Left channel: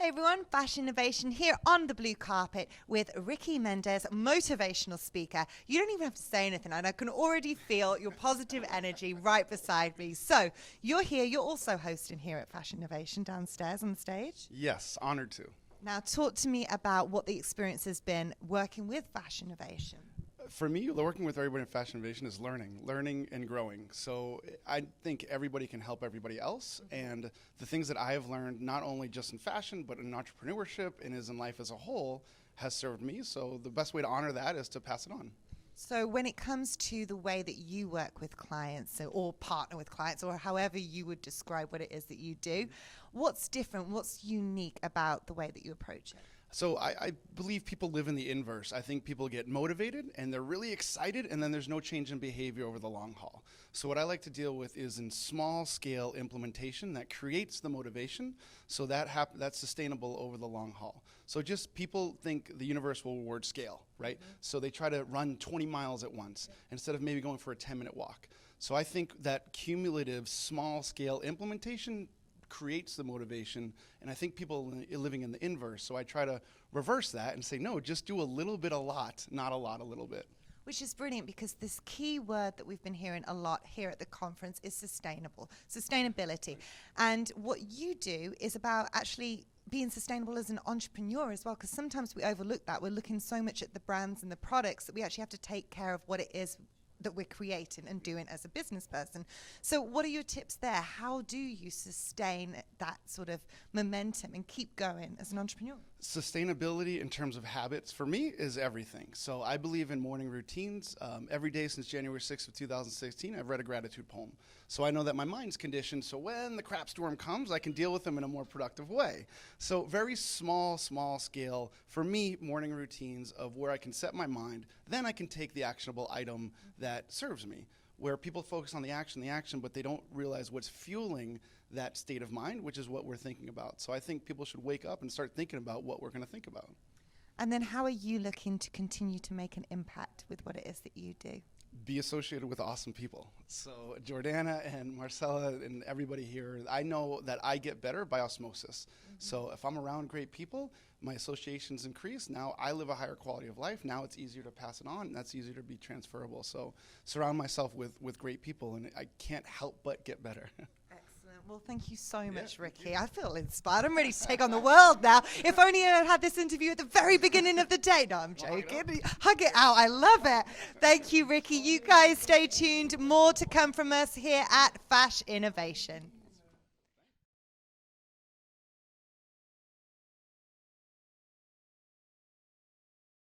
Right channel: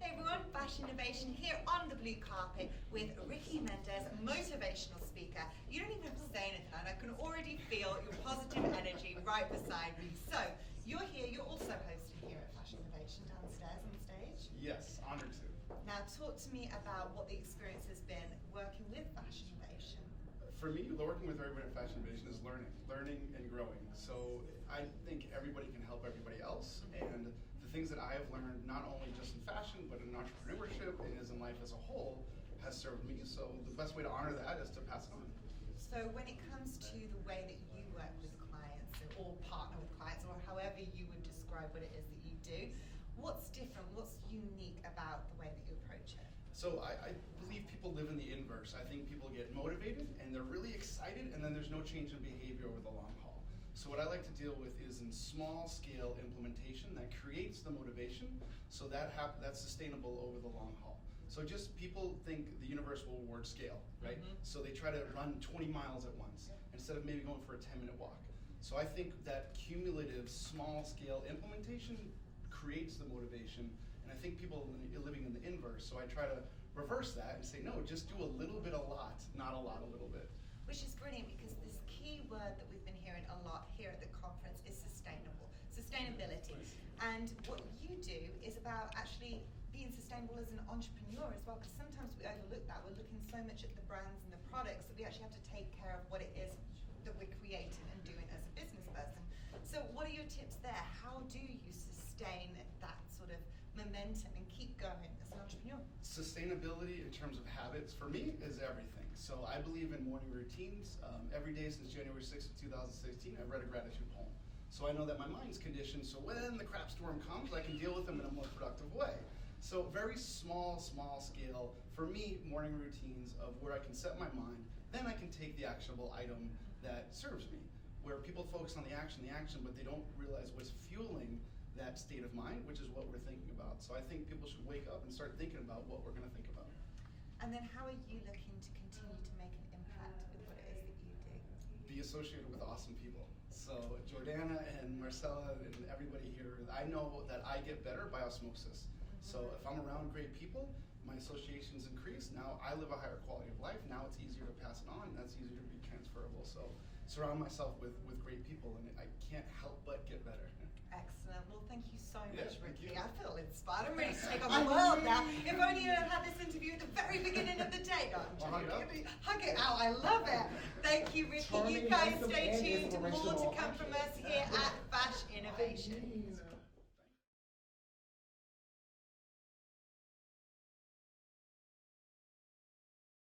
Hey everyone, Fashinnovation here on the blue carpet with Ricky Mendez, motivational speaker. You don't even have to say anything, and I can already feel your positive energy right beside me. So, you're here, you're also hosting here at Fashinnovation downstairs on stage. Yes, honored to. Now, talk to me about what the experience has been working with Fashinnovation. For me, working with everybody in Fashinnovation is learning and growing. So I think everybody can help everybody else. And the things that I have learned, not only just in fashion, but in entrepreneurship and is in life as a whole, has served me. So the best way to honor that is to pass it on. So when it comes to the way that you work with clients or partner with clients or however you would describe what it is that you do, what's different, what's unique about the way that you approach it? So I believe people live in the inverse. I think people get motivated and they're really excited, and then there's no change in behavior over the long haul. So what I like to deal with is in small scale implementation that creates the motivation, so that's sustainable over the long haul. So just people think the universe will reward scale, right? Mm-hmm. So they try to run 20 miles at once instead of maybe going for a 10-minute walk. So I think that cumulative small scale implementation creates the motivation, and I think people are living in the inverse. So I try to reverse that and say, no, just do a little bit a lot, not a lot a little bit. Which is brilliant, because this key word that we've been hearing a lot here at the conference is sustainability. And what you do is about actually being sustainable as an entrepreneur as well, because sometimes we overlook that. We're looking so much at the brands and the products that we actually have to take care of what it is that we're creating and doing as a business person. So what are your tips there? How do you sustain that sort of momentum and keep going as an entrepreneur? Sustainability in terms of habits for me is everything. So I believe in morning routines. Every day since January 6th of 2016, I've read a gratitude poem. So I know that my mind's conditioned, so when the crap storm comes, I can deal with them in a more productive way. So very small scale, for me, morning routines of where I can set my mind, then I can take the actionable item that serves me, where people focus on the action, but they don't realize what's fueling that state of mind, which is what we're thinking about. So I think people should wake up and start thinking about what we're going to think about. And then how are you looking to continue to make an impact with what it is that you do? Be associated with awesome people. So Jordana and Marcella and everybody here, I know that I get better by osmosis. So if I'm around great people, my associations increase. Now I live a higher quality of life. Now it's easier to pass it on, and that's easier to be transferable. So surround myself with great people, and I can't help but get better. Excellent. Well, thank you so much, Ricky. I feel inspired. I'm ready to take on the world now. If only I had had this interview at the very beginning of the day. No, I'm joking. Hug it out. I love it. Thank you, Ricky. You guys stay tuned. More to come from us here at Fashinnovation.